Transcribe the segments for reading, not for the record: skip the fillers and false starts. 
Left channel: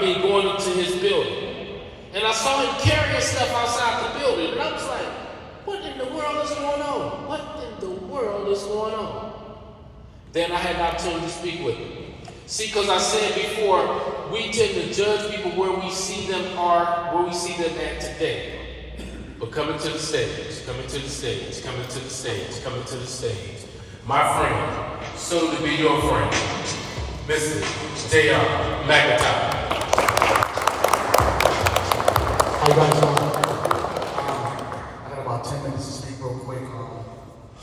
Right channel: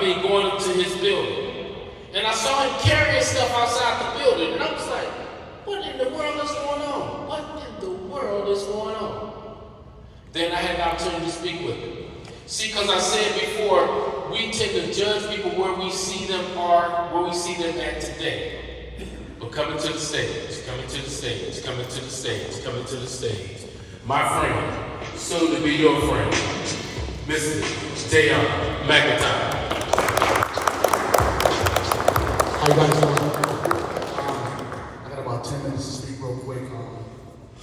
going into his building. And I saw him carrying stuff outside the building. And I was like, what in the world is going on? What in the world is going on? Then I had the opportunity to speak with him. See, because I said before, we tend to judge people where we see them are, where we see them at today. But coming to the stage, coming to the stage, coming to the stage, coming to the stage. My friend, soon to be your friend, Mr. J.R. McIntyre. How you guys doing? I got about 10 minutes to speak real quick.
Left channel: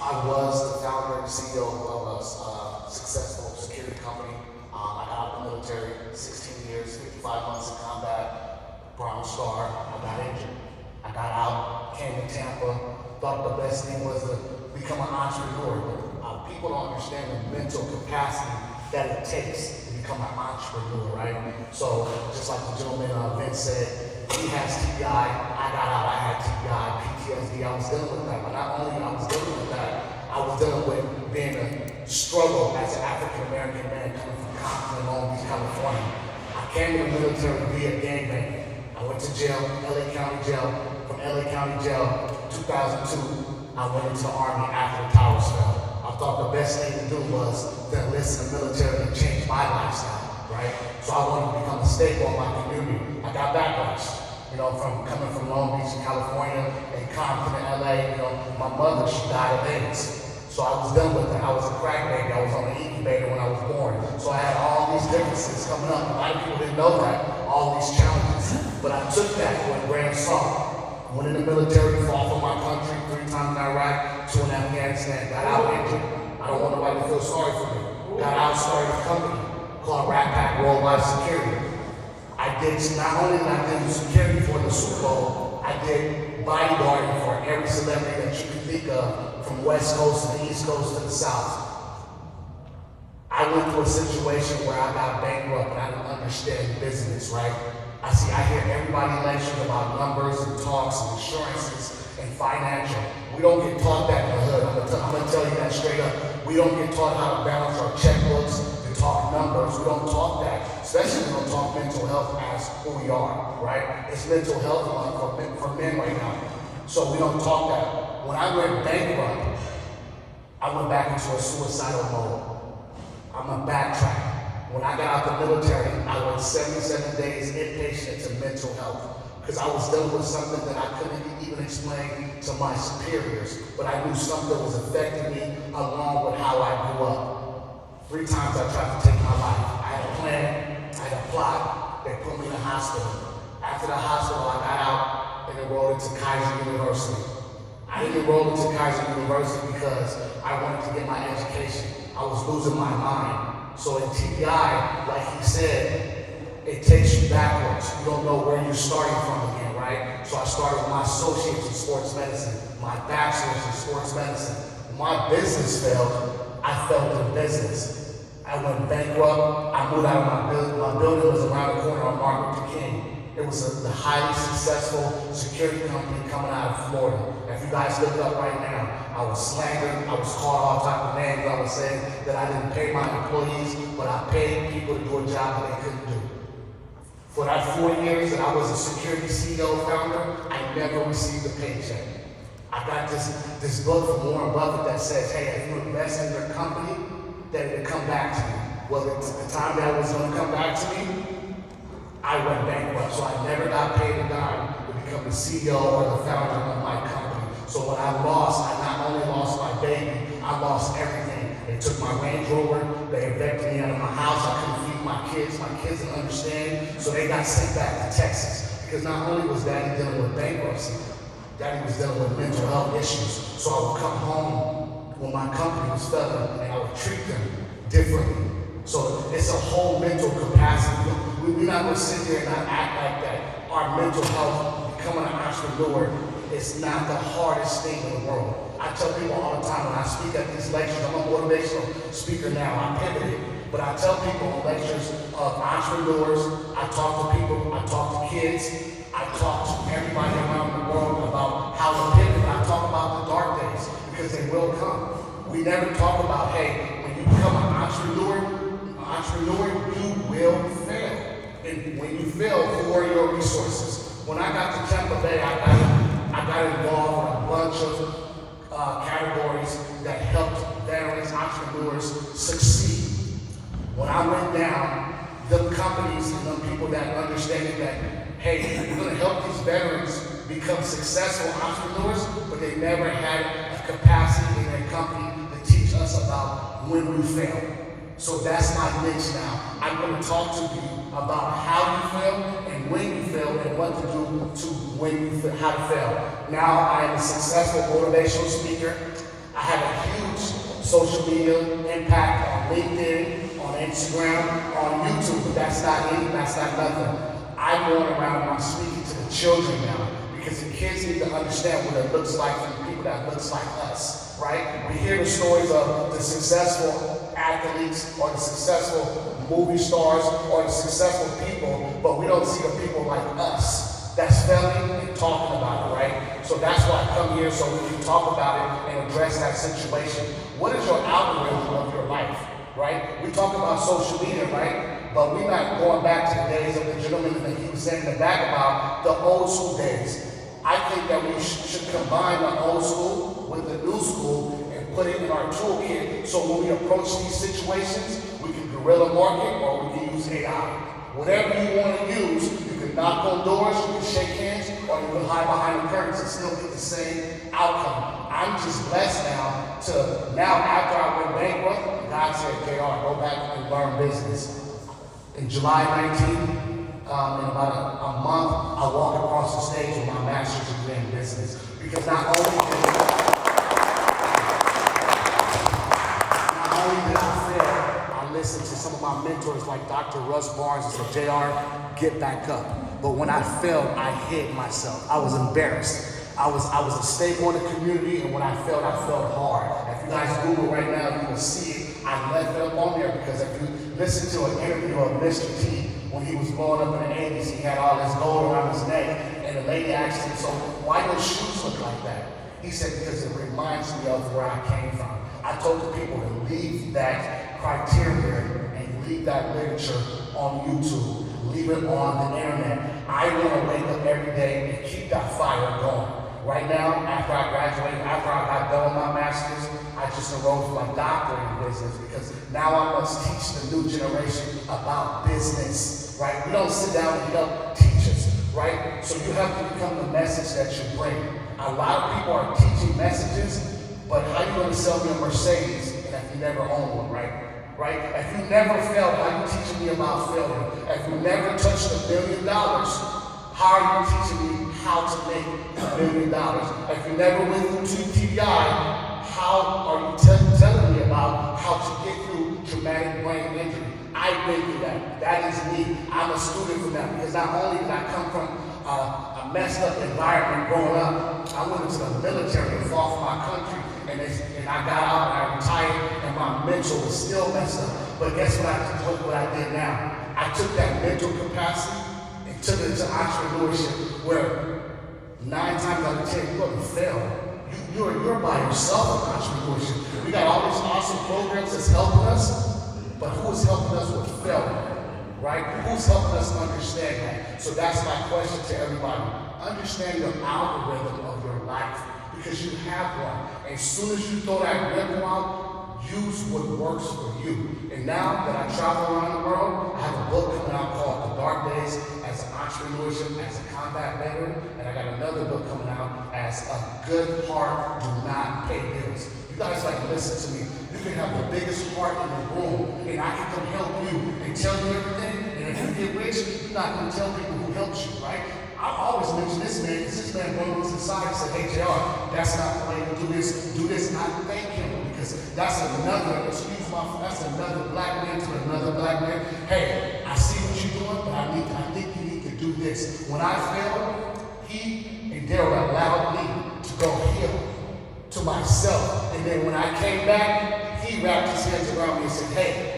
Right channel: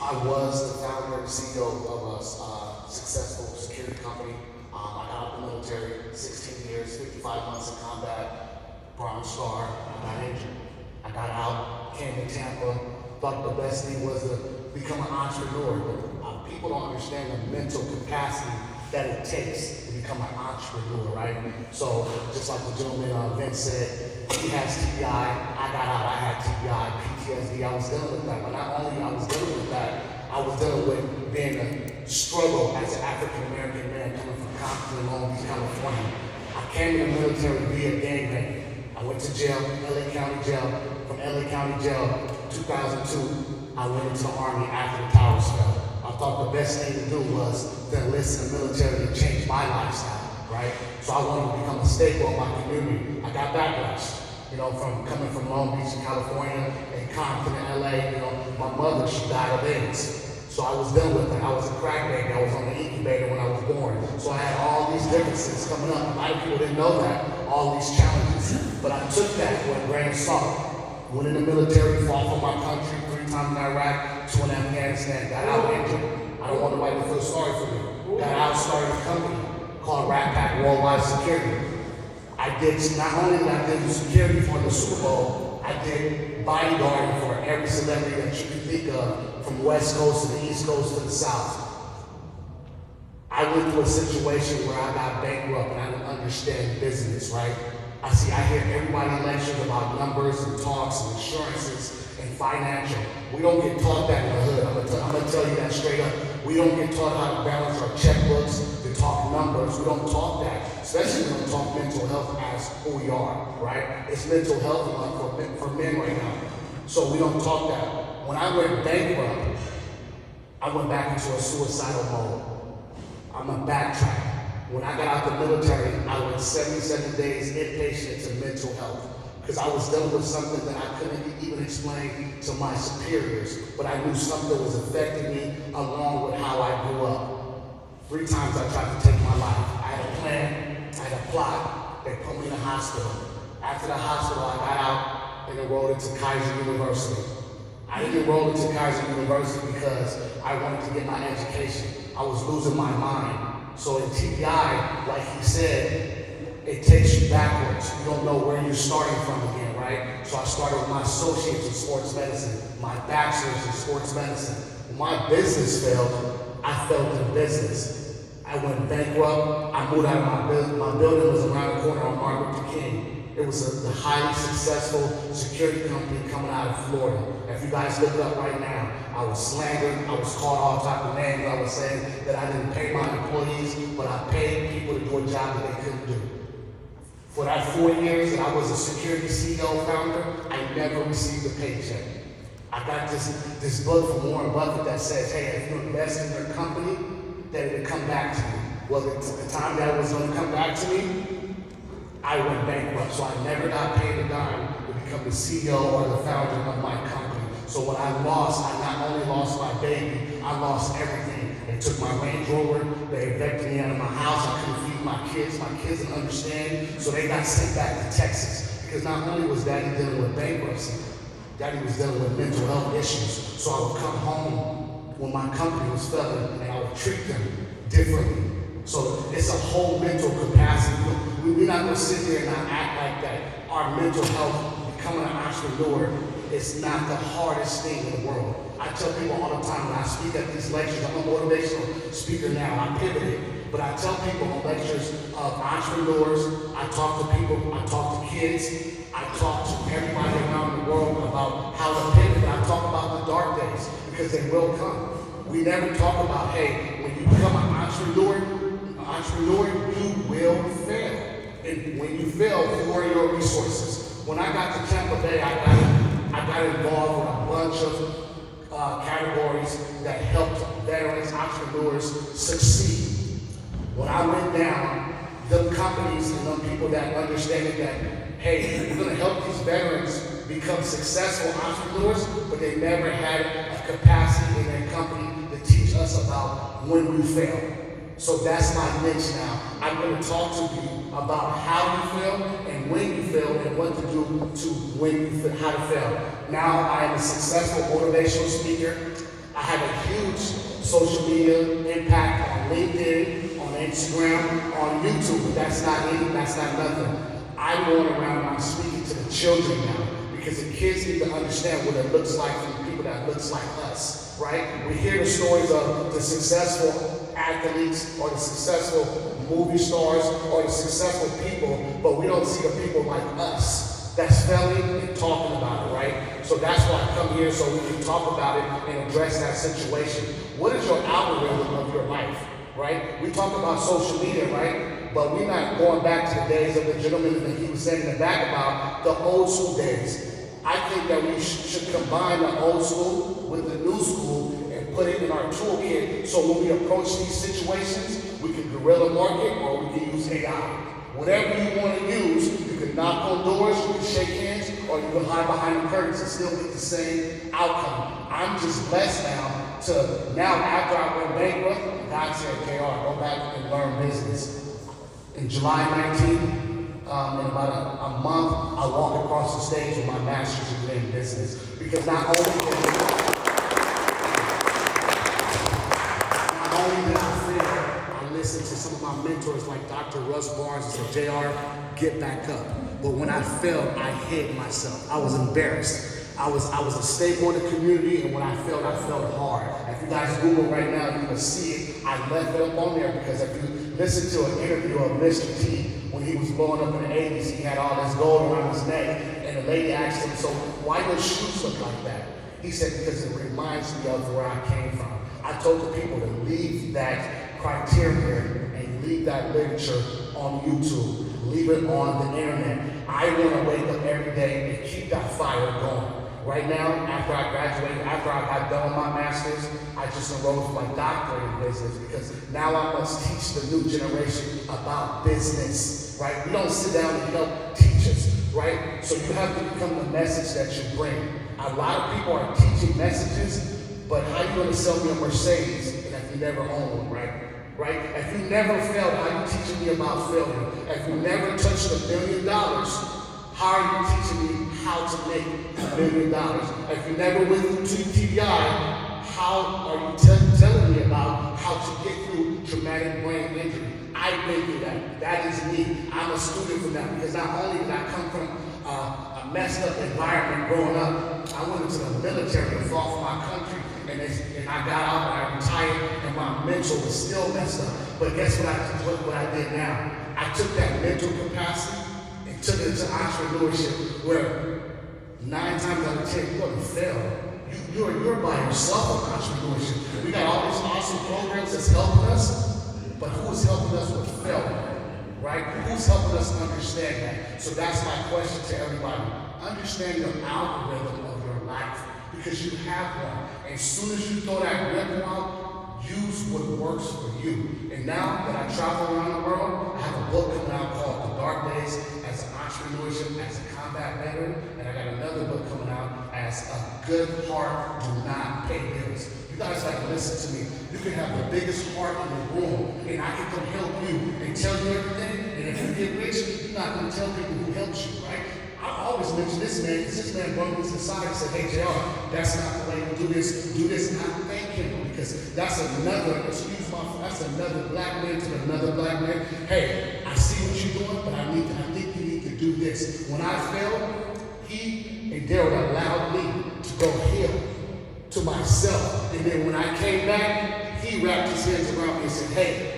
I was the founder and CEO of a successful security company. I got out of the military, 16 years, 55 months in combat, Bronze Star. I got injured. I got out, came to Tampa, thought the best thing was to become an entrepreneur. But people don't understand the mental capacity that it takes to become an entrepreneur, right? So just like the gentleman Vince said, he has TBI, I got out, I had TBI, PTSD, I was dealing with that. But not only I was dealing with that, I was dealing with being a struggle as an African-American man coming from Compton, Long Beach, California. I came to the military to be a gangbanger. I went to jail, LA County Jail. From LA County Jail, 2002, I went into the Army after the towers fell. I thought the best thing to do was to enlist in the military and change my lifestyle, right? So I wanted to become a staple of my community. I got backlash, from coming from Long Beach, California, and Compton, LA. My mother, she died of AIDS. So I was done with that. I was a crack baby. I was on the incubator when I was born. So I had all these differences coming up. A lot of people didn't know that, all these challenges. But I took that with a grain of salt. Went in the military, fought for my country, 3 times in Iraq, 2 in Afghanistan, got out injured. I don't want nobody to feel sorry for me. Got out, started a company called Rat Pack Worldwide Security. I did, not only did I do security for the Super Bowl, I did bodyguarding for every celebrity that you can think of, from West Coast to the East Coast to the South. I went through a situation where I got bankrupt and I didn't understand business, right? I hear everybody lecture about numbers and talks and insurances and financial. We don't get taught that in the hood. I'm gonna tell you that straight up. We don't get taught how to balance our checkbooks, to talk numbers. We don't talk that, especially we don't talk mental health as who we are, right? It's mental health for men right now. So we don't talk that. When I went bankrupt, I went back into a suicidal mode. I'm gonna backtrack. When I got out the military, I went 77 days inpatient to mental health because I was dealing with something that I couldn't even explain to my superiors, but I knew something was affecting me along with how I grew up. 3 times I tried to take my life. I had a plan, I had a plot. They put me in the hospital. After the hospital, I got out and enrolled into Kaiser University. I didn't enroll into Kaiser University because I wanted to get my education. I was losing my mind. So in TBI, like he said, it takes you backwards. You don't know where you're starting from again, right? So I started with my associates in sports medicine, my bachelor's in sports medicine. When my business failed, I fell into business. I went bankrupt. I moved out of my building. My building was around the corner on Martin Luther King. It was a highly successful security company coming out of Florida. If you guys look it up right now, I was slandered, I was called all type of names. I was saying that I didn't pay my employees, but I paid people to do a job that they couldn't do. For that 4 years that I was a security CEO founder, I never received a paycheck. I got this book from Warren Buffett that says, hey, if you invest in your company, then it'll come back to you. Well, the time that was going to come back to me, I went bankrupt, so I never got paid a dime to become the CEO or the founder of my company. So when I lost, I not only lost my baby, I lost everything. They took my Range Rover, they evicted me out of my house, I couldn't feed my kids didn't understand, so they got sent back to Texas. Because not only was Daddy dealing with bankruptcy, Daddy was dealing with mental health issues. So I would come home when my company was failing and I would treat them differently. So it's a whole mental capacity. We're not going to sit here and not act like that. Our mental health, becoming an entrepreneur, is not the hardest thing in the world. I tell people all the time when I speak at these lectures, I'm a motivational speaker now, I pivoted, but I tell people on lectures of entrepreneurs, I talk to people, I talk to kids, I talk to everybody around the world about how to pivot, and I talk about the dark days, because they will come. We never talk about, hey, when you become an entrepreneur, you will fail. And when you fail, who are your resources? When I got to Tampa Bay, I got involved in a bunch of categories that helped veterans, entrepreneurs succeed. When I went down, the companies and the people that understanding that, hey, we're going to help these veterans become successful entrepreneurs, but they never had a capacity in their company to teach us about when we fail. So that's my niche now. I'm going to talk to you about how you fail and when you fail and what to do to when you fail, how to fail. Now I am a successful motivational speaker. I have a huge social media impact on LinkedIn, on Instagram, on YouTube. That's not nothing. I'm going around, I'm speaking to the children now because the kids need to understand what it looks like for the people that looks like us, right? We hear the stories of the successful athletes or the successful movie stars or the successful people, but we don't see the people like us that's failing and talking about it, right? So that's why I come here so we can talk about it and address that situation. What is your algorithm of your life, right? We talk about social media, right? But we're not going back to the days of the gentleman that he was saying in the back about the old school days. I think that we should combine the old school with the new school and put it in our toolkit so when we approach these situations, we can guerrilla market or we can use AI. Whatever you want to use, you can knock on doors, you can shake hands, or you can hide behind the curtains and still get the same outcome. I'm just blessed now after I went bankrupt, God said, JR, go back and learn business. In July 19th, in about a month, I walked across the stage with my master's degree in business. Because not only did I fail, I listened to some of my mentors like Dr. Russ Barnes and said, JR, get back up. But when I failed, I hid myself. I was embarrassed. I was a staple in the community, and when I felt hard. If you guys Google right now, you will see it. I left it up on there because if you listen to an interview of Mr. T, when he was growing up in the 80s, he had all this gold around his neck, and the lady asked him, so why do shoes look like that? He said, because it reminds me of where I came from. I told the people to leave that criteria and leave that literature on YouTube, leave it on the internet. I want to wake up every day and keep that fire going. Right now, after I graduated, after I got done with my master's, I just enrolled for my doctorate in business because now I must teach the new generation about business, right? We don't sit down and help teach us, right? So you have to become the message that you bring. A lot of people are teaching messages, but how are you going to sell me a Mercedes if you never own one, right? Right? If you never failed, how are you teaching me about failure? If you never touched $1 billion, how are you teaching me how to make $1 million? If you never went through TBI, how are you telling me about how to get through traumatic brain injury? I've been through that. That is me. I'm a student from that because not only did I come from a messed up environment growing up, I went into the military and fought for my country, and I got out and I retired, and my mental was still messed up. But guess what I did now? I took that mental capacity and took it to entrepreneurship, where 9 times out of 10 you're going to fail. You're by yourself in entrepreneurship. We got all these awesome programs that's helping us, but who's helping us with failure, right? Who's helping us understand that? So that's my question to everybody. Understand your algorithm of your life, because you have one. And as soon as you throw that ripple out, use what works for you. And now that I travel around the world, I have a book coming out called The Dark Days as an entrepreneurship, as a combat veteran, and I got another book coming out as A Good Heart Do Not Pay Bills. You guys listen to me. You can have the biggest heart in the room, and I can come help you and tell you everything. And if you get rich, you're not going to tell people who helped you, right? I always mention this man, because this man brought me to the side and said, hey, JR, that's not the way to do this. Do this, not thank him, because that's another black man to another black man. Hey, I see what you're doing, but I think you need to do this. When I failed, he and Daryl allowed me to go heal to myself. And then when I came back, he wrapped his hands around me and said, hey,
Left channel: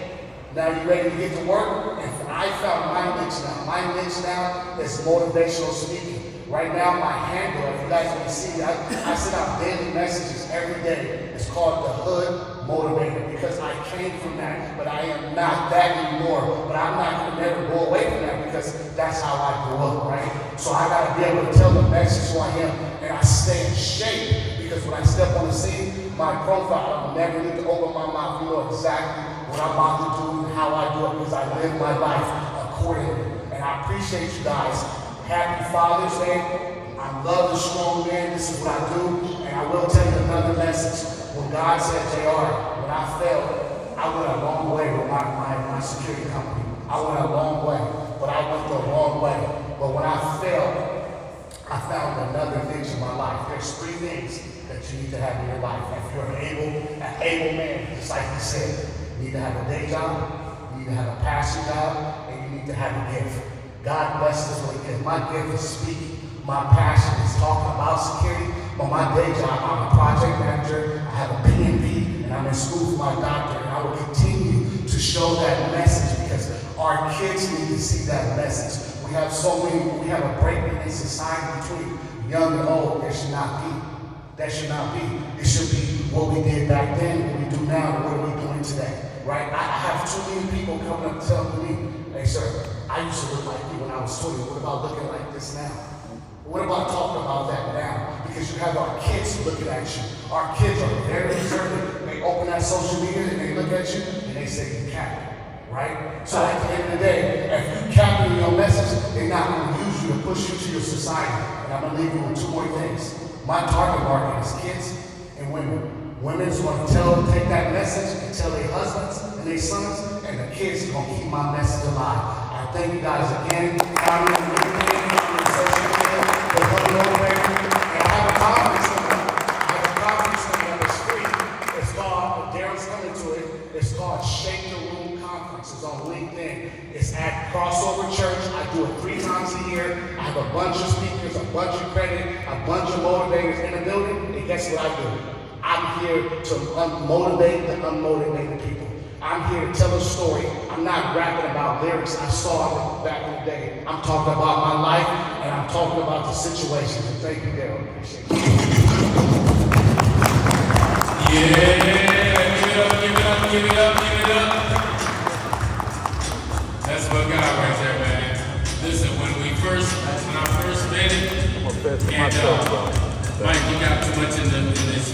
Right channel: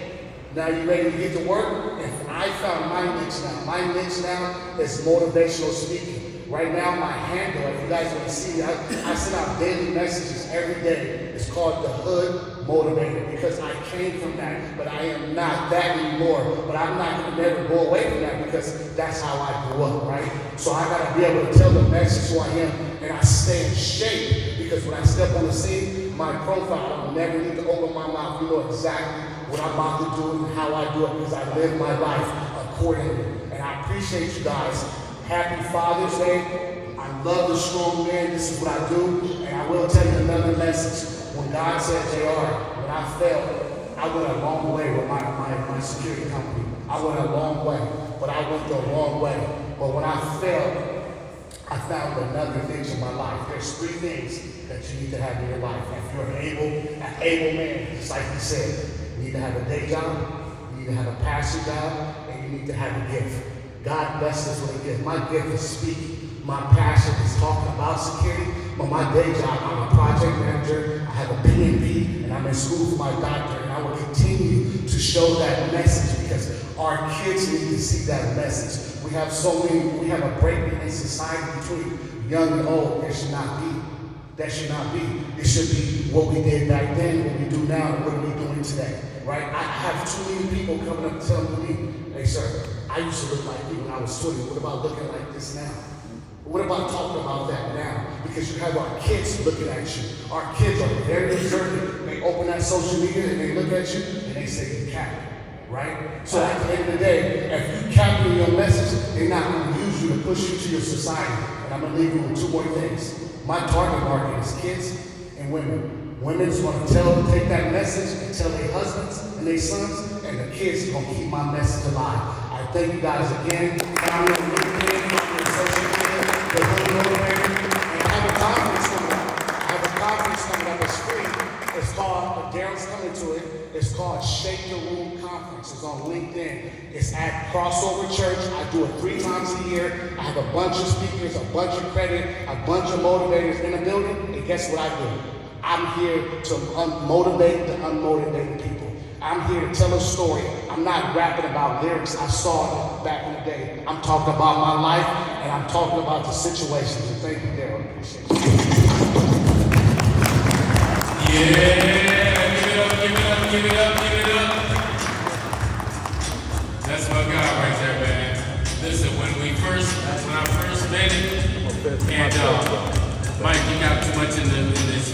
now you ready to get to work? And I found my niche now. My niche now is motivational speaking. Right now, my handle, if you guys want to see, I send out daily messages every day. It's called the Hood Motivator because I came from that, but I am not that anymore. But I'm not going to never go away from that because that's how I grew up, right? So I got to be able to tell the message who I am, and I stay in shape because when I step on the scene, my profile, I never need to open my mouth. You know exactly what I'm about to do and how I do it because I live my life accordingly. And I appreciate you guys. Happy Father's Day. I love the strong man. This is what I do. And I will tell you another message. When God said, JR, when I failed, I went a long way with my security company. I went a long way, but I went the wrong way. But when I failed, I found another thing in my life. There's 3 things that you need to have in your life. If you're an able man, just like he said, you need to have a day job, you need to have a passion job, and you need to have a gift. God bless us with a gift. My gift is speaking. My passion is talking about security. But my day job, I'm a project manager. I have a PMP, and I'm in school for my doctorate. And I will continue to show that message because our kids need to see that message. We have a breakdown in society between young and old. There should not be. That should not be. It should be what we did back then, what we do now, and what are we doing today, right? I have too many people coming up telling me, hey, sir, I used to look like you when I was 20. What about looking like this now? What about talking about that now? Because you have our kids looking at you. Our kids are very observant. They open that social media and they look at you and they say, you can't. Right? So at the end of the day, if you capture your message, they're not going to use you to push you to your society. And I'm going to leave you with 2 more things. My target market is kids and women. Women's going to take that message and tell their husbands and their sons, and the kids are going to keep my message alive. I thank you guys again. Follow me on LinkedIn, on social media, the Hood Motivator, and I have a conference coming up. I have a conference coming up. It's free. It's called, Daryl's coming to it. It's called Shake the Room Conference. It's on LinkedIn. It's at Crossover Church. I do it 3 times a year. I have a bunch of speakers, a bunch of credit, a bunch of motivators in the building. And guess what I do? I'm here to motivate the unmotivated people. I'm here to tell a story. I'm not rapping about lyrics I saw back in the day. I'm talking about my life, and I'm talking about the situations. And thank you, Daryl. Appreciate it. Yeah, give it up, give it up, give it up, give it up. That's what God right there, man. Listen, when I first met it, and Mike, you got too much in this.